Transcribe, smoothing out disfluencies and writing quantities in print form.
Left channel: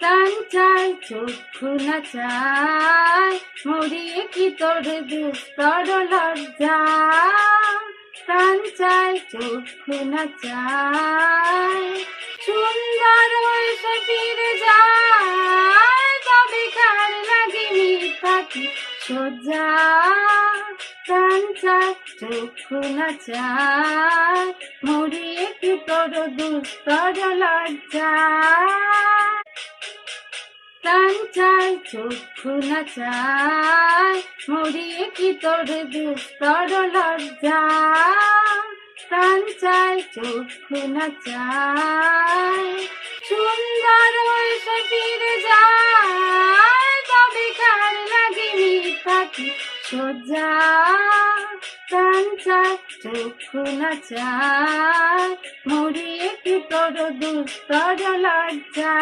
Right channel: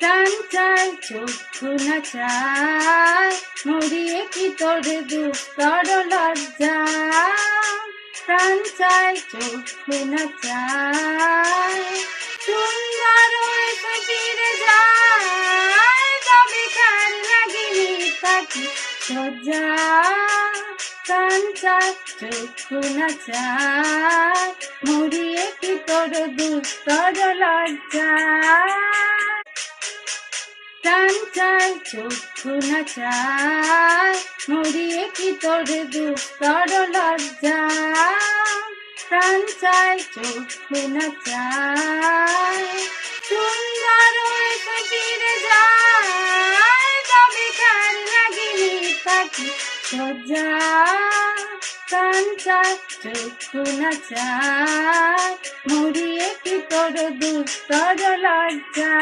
প্রাণ চায় চক্ষু না চায়, মরিয়ে কি তোর দুস্তর লজ্জা। প্রাণ চায় চক্ষু না চায়, সুন্দর এসে ফিরে যায়, তবে কার লাগিনি তাকি সজ্জা। প্রাণ চায় চক্ষু না চায়, মরিয়ে কি তোর দুস্তর লজ্জা। প্রাণ চায় চক্ষু না চায়, মরিয়ে কি তোর দুস্তর লজ্জা। প্রাণ চায় চক্ষু না চায়, সুন্দর এসে ফিরে যায়, তবে কার লাগিনি তাকি সজ্জা। প্রাণ চায় চক্ষু না চায়, মরিয়ে কি তোর দুস্তর লজ্জা।